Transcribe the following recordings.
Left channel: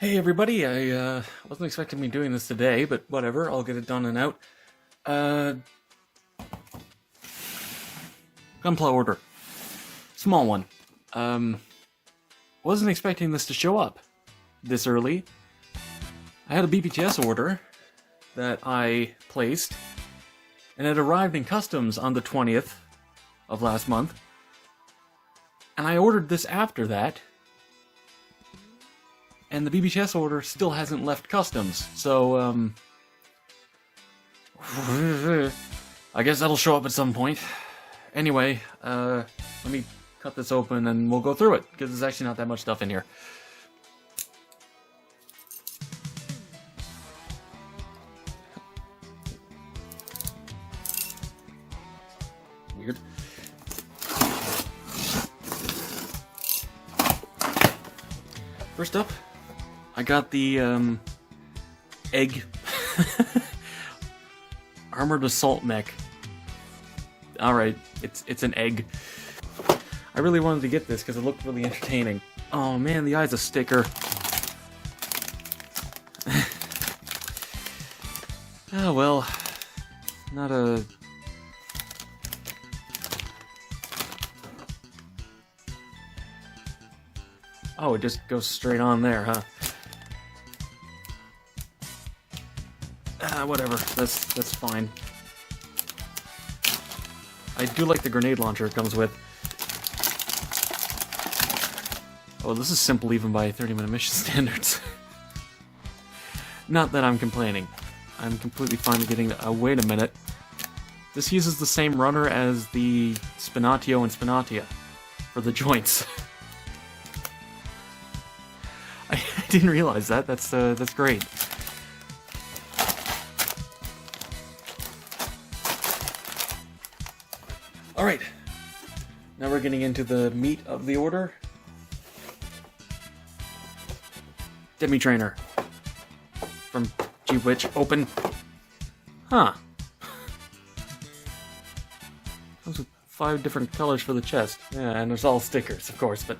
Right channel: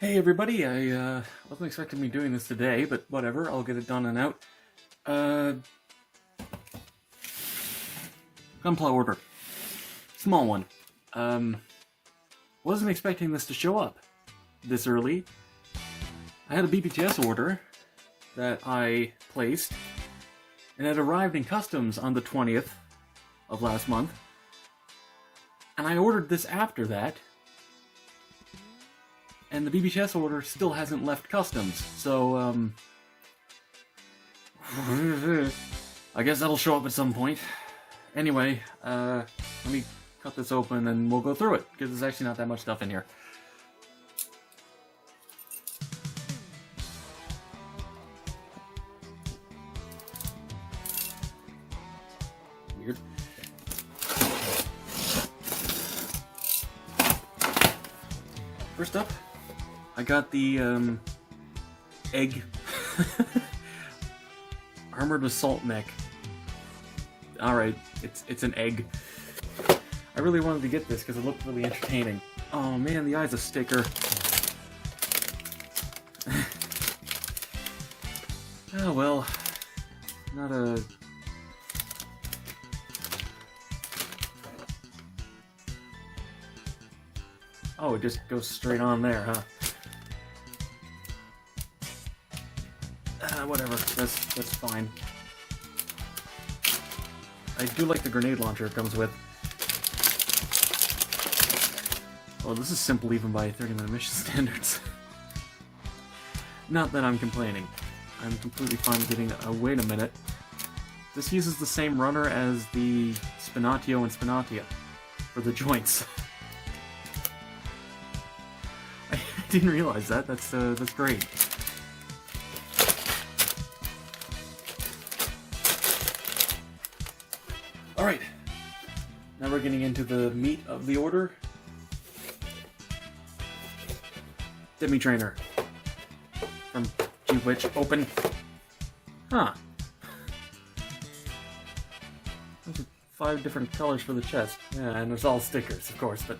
Hey everybody, I wasn't expecting me doing this today, but whatever, I'll get it done and out. Uh, Gunpla order. Small one. Wasn't expecting this to show up this early. I had a BPTS order that I placed, and it arrived in customs on the 20th of last month. And I ordered this after that, and the BBTS order still hasn't left customs, so, I guess that'll show up at some point. Anyway, let me cut this open and we'll go through it, because there's actually not that much stuff in here. Weird. First up, I got the egg armored assault mech. Alright, it's an egg. I really wanted to get this because it looked really entertaining. Oh man, the eye's a sticker. Oh well, not a... Oh, it just goes straight on there, huh? Whatever. That's fine. I do like the grenade launcher it comes with. Oh, this is simple even by 30-minute mission standards. Not that I'm complaining. I'm completely fine getting... wait a minute. This uses the same runner as the Spinatio and Spinatia for the joints. I didn't realize that. That's great. Alright, now we're getting into the meat of the order. Demi Trainer from G-Witch. Open. Huh. Those are 5 different colors for the chest. Yeah, and there's all stickers, of course, but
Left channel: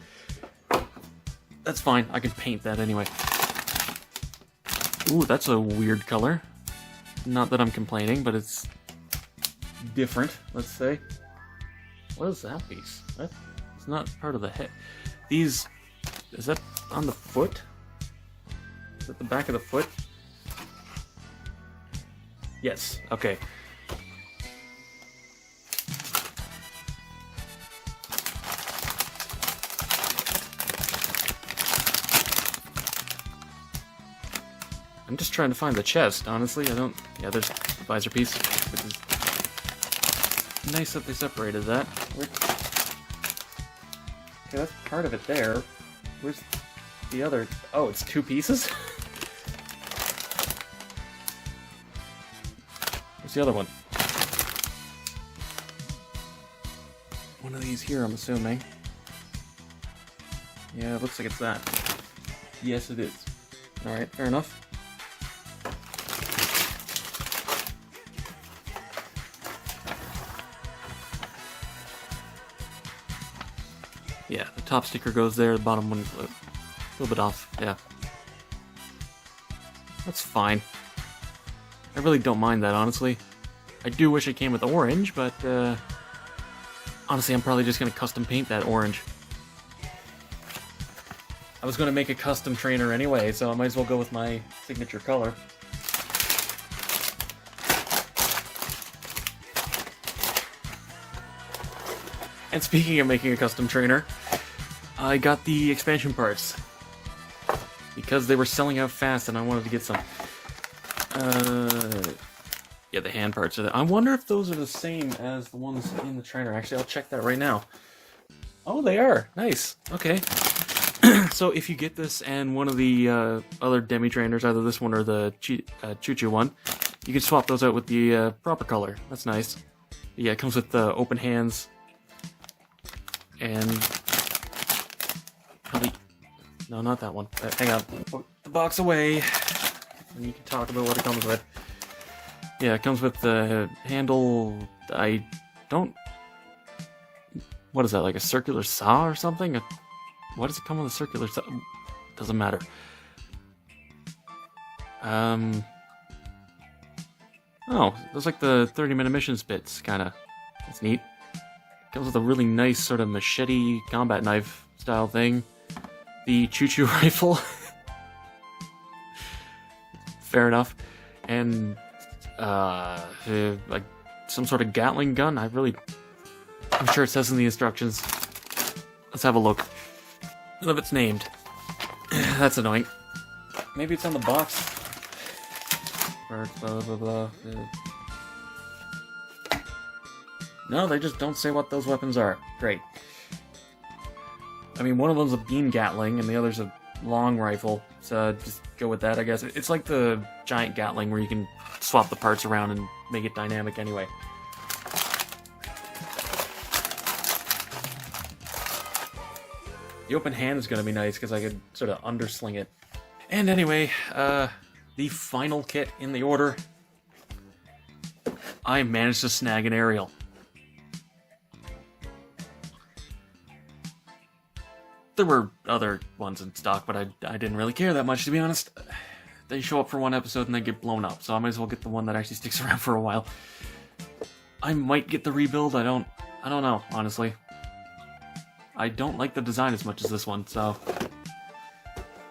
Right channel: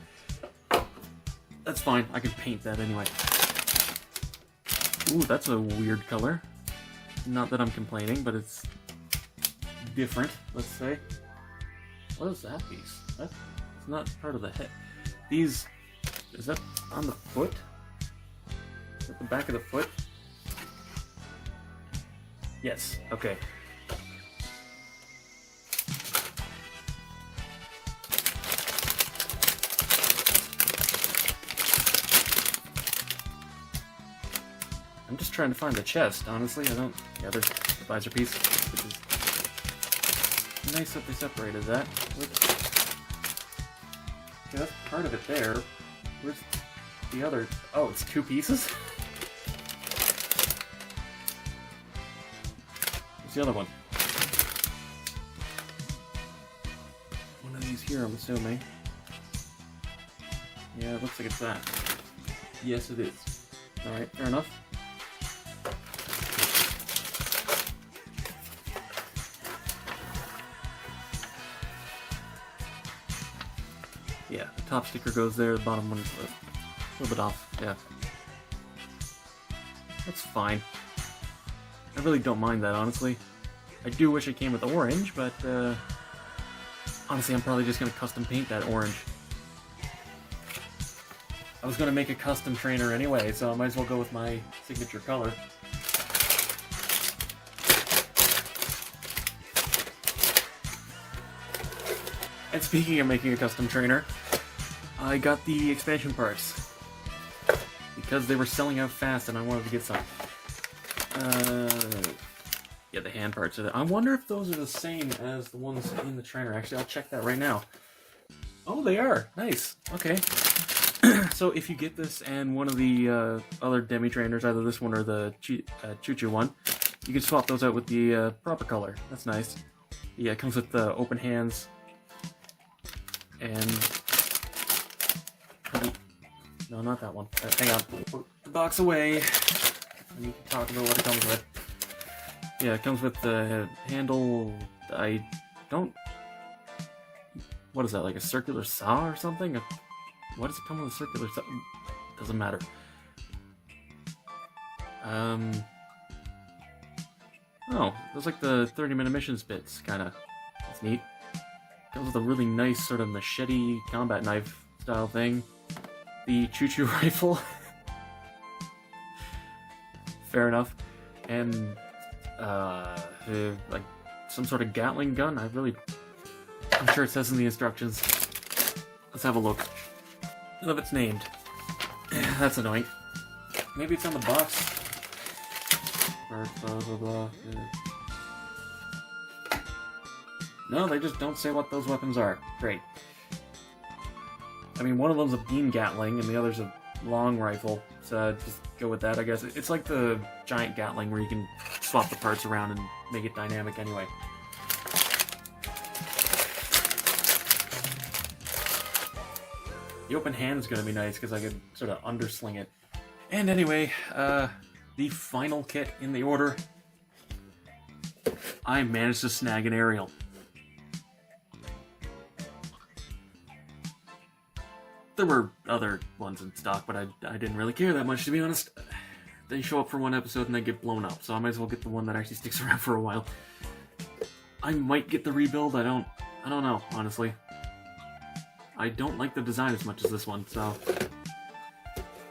that's fine. I can paint that anyway. Ooh, that's a weird color. Not that I'm complaining, but it's different, let's say. What is that piece? That's not part of the head. These... is that on the foot? Is that the back of the foot? Yes, okay. I'm just trying to find the chest, honestly. I don't... yeah, there's the visor piece, which is nice that they separated that. Okay, that's part of it there. Where's the other... oh, it's 2 pieces? Where's the other one? One of these here, I'm assuming. Yeah, it looks like it's that. Yes, it is. Alright, fair enough. Yeah, the top sticker goes there, the bottom one's a little bit off, yeah. That's fine. I really don't mind that, honestly. I do wish it came with orange, but, honestly, I'm probably just gonna custom paint that orange. I was gonna make a custom trainer anyway, so I might as well go with my signature color. And speaking of making a custom trainer, I got the expansion parts because they were selling out fast and I wanted to get some. Yeah, the hand parts are there. I wonder if those are the same as the ones in the trainer. Actually, I'll check that right now. Oh, they are. Nice. Okay. So if you get this and one of the other demi trainers, either this one or the Choo-Choo one, you can swap those out with the proper color. That's nice. Yeah, it comes with the open hands. And no, not that one. Hang on. Put the box away. And you can talk about what it comes with. Yeah, it comes with the handle. I don't... what is that, like a circular saw or something? Why does it come with a circular saw? Doesn't matter. Oh, those like the 30-minute missions bits, kinda. That's neat. Comes with a really nice sort of machete combat knife style thing. The choo-choo rifle. Fair enough. And, like, some sort of Gatling gun. I'm sure it says in the instructions. Let's have a look. None of it's named. That's annoying. Maybe it's on the box. Or blah, blah, blah. No, they just don't say what those weapons are. Great. I mean, one of them's a beam Gatling, and the other's a long rifle. So just go with that, I guess. It's like the giant Gatling where you can swap the parts around and make it dynamic anyway. The open hand is going to be nice because I could sort of undersling it. And anyway, the final kit in the order. I managed to snag an aerial. There were other ones in stock, but I didn't really care that much, to be honest. They show up for one episode and they get blown up, so I might as well get the one that actually sticks around for a while. I might get the rebuild, I don't know, honestly. I don't like the design as much as this one, so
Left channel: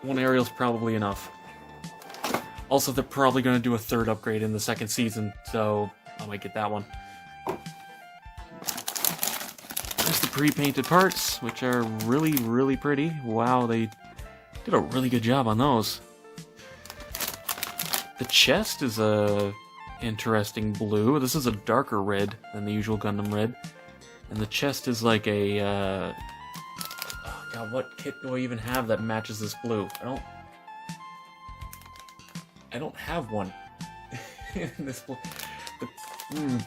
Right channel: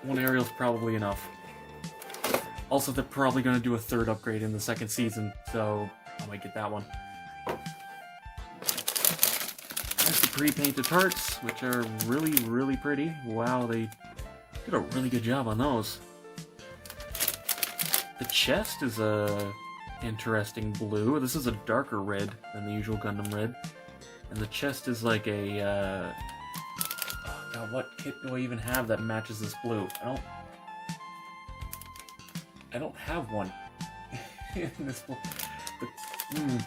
one aerial's probably enough. Also, they're probably going to do a third upgrade in the second season, so I might get that one. There's the pre-painted parts, which are really, really pretty. Wow, they did a really good job on those. The chest is a interesting blue. This is a darker red than the usual Gundam red. And the chest is like a, God, what kit do I even have that matches this blue? I don't have one in this blue. The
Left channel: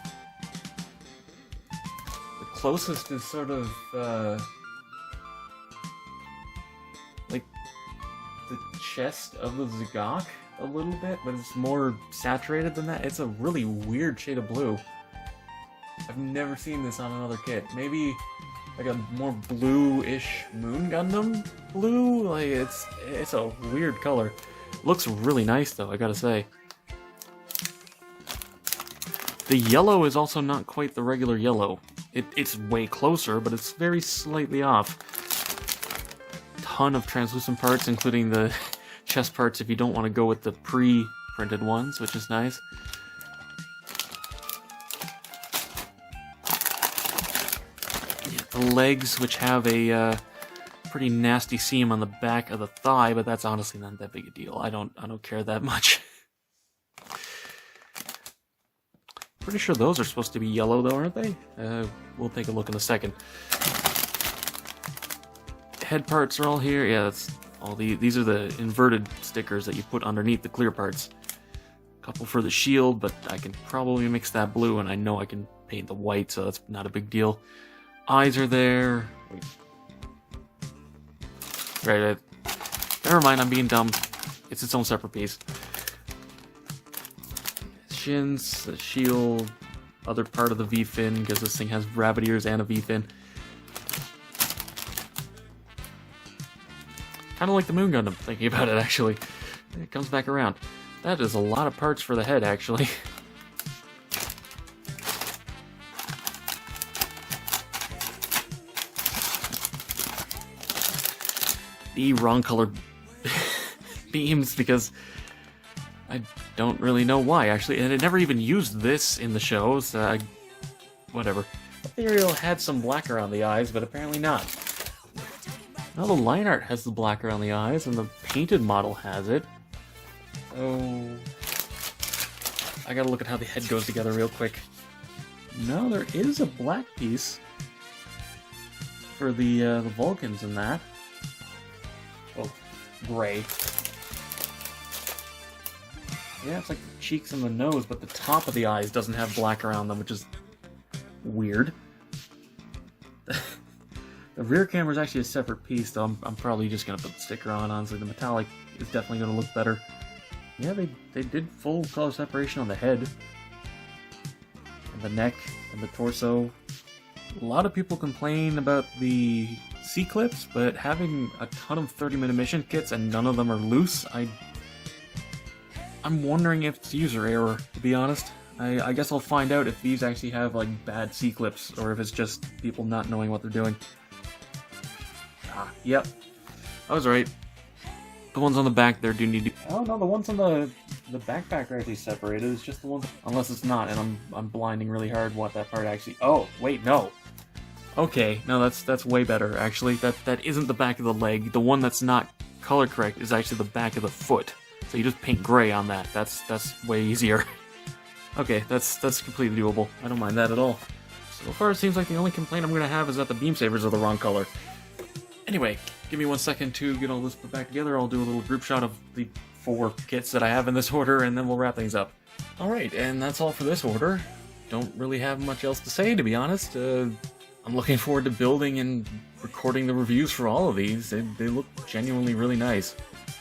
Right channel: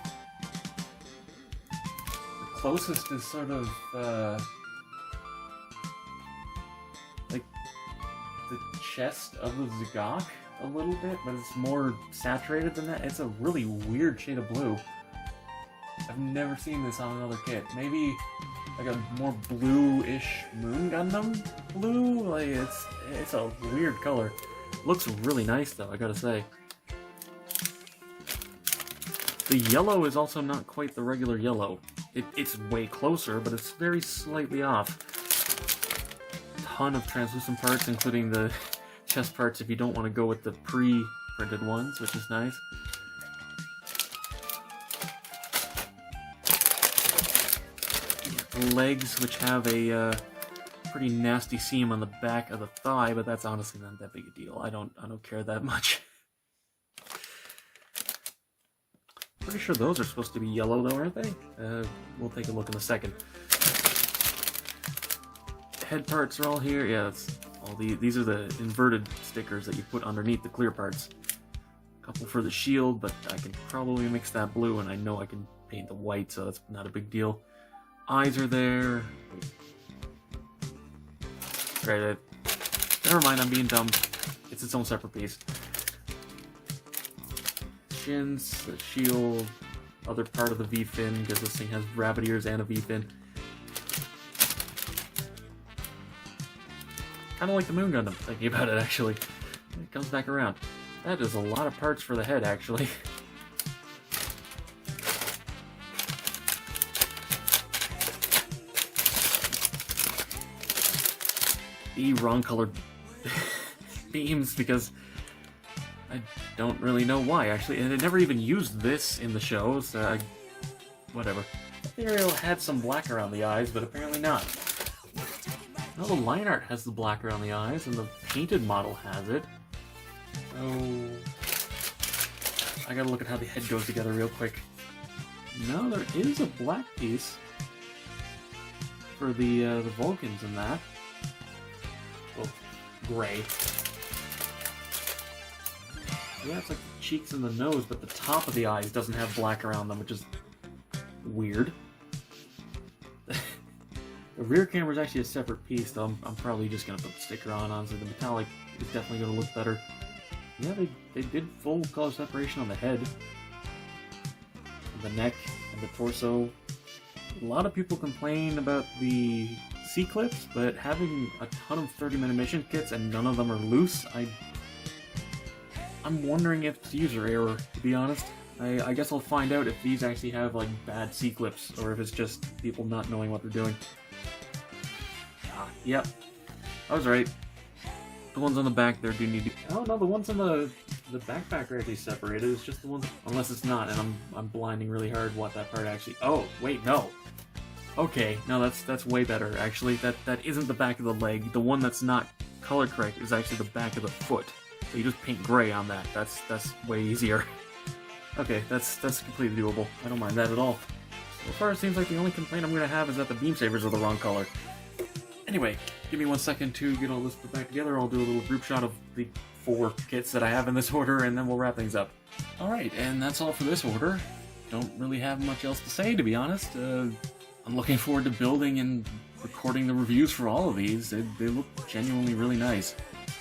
closest is sort of, like the chest of the Zagok a little bit, but it's more saturated than that. It's a really weird shade of blue. I've never seen this on another kit. Maybe like a more blue-ish Moon Gundam blue? Like, it's a weird color. Looks really nice though, I gotta say. The yellow is also not quite the regular yellow. It's way closer, but it's very slightly off. Ton of translucent parts, including the chest parts if you don't want to go with the pre-printed ones, which is nice. The legs, which have a pretty nasty seam on the back of the thigh, but that's honestly not that big a deal. I don't care that much. Pretty sure those are supposed to be yellow though, aren't they? We'll take a look in a second. Head parts are all here. Yeah, that's all these are the inverted stickers that you put underneath the clear parts. A couple for the shield, but I can probably mix that blue, and I know I can paint the white, so that's not a big deal. Eyes are there. Right, never mind, I'm being dumb. It's its own separate piece. Shins, the shield, other part of the V-fin, because this thing has rabbit ears and a V-fin. Kind of like the Moon Gundam, thinking about it, actually. It comes back around. That is a lot of parts for the head, actually. The wrong colored beams, because I don't really know why, actually, and it never even used this in the show, so whatever. The aerial had some black around the eyes, but apparently not. Now the line art has the black around the eyes, and the painted model has it. So I gotta look at how the head goes together real quick. No, there is a black piece for the Vulcans in that. Oh, gray. Yeah, it's like the cheeks and the nose, but the top of the eyes doesn't have black around them, which is weird. The rear camera is actually a separate piece, though. I'm probably just going to put the sticker on. Honestly, the metallic is definitely going to look better. Yeah, they did full color separation on the head, and the neck, and the torso. A lot of people complain about the C-clips, but having a ton of 30-minute mission kits and none of them are loose, I'm wondering if it's user error, to be honest. I guess I'll find out if these actually have, like, bad C-clips, or if it's just people not knowing what they're doing. Ah, yep. I was right. The ones on the back there do need to... Oh, no, the ones on the backpack are actually separated. It's just the ones... Unless it's not, and I'm blinding really hard what that part actually... Oh, wait, no. Okay, no, that's way better, actually. That isn't the back of the leg. The one that's not color correct is actually the back of the foot. So you just paint gray on that. That's way easier. Okay, that's completely doable. I don't mind that at all. So far, it seems like the only complaint I'm going to have is that the beam sabers are the wrong color. Anyway, give me 1 second to get all this put back together. I'll do a little group shot of the 4 kits that I have in this order, and then we'll wrap things up. Alright, and that's all for this order. Don't really have much else to say, to be honest. I'm looking forward to building and recording the reviews for all of these. They look genuinely really nice.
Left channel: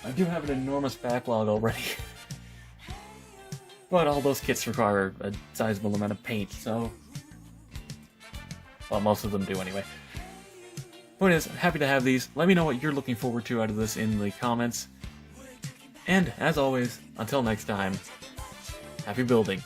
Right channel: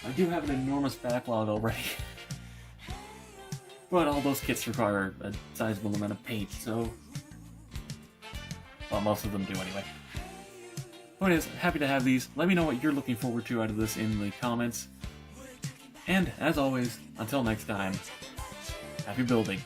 I do have an enormous backlog already. But all those kits require a sizable amount of paint, so... Well, most of them do anyway. Point is, happy to have these. Let me know what you're looking forward to out of this in the comments. And, as always, until next time, happy building.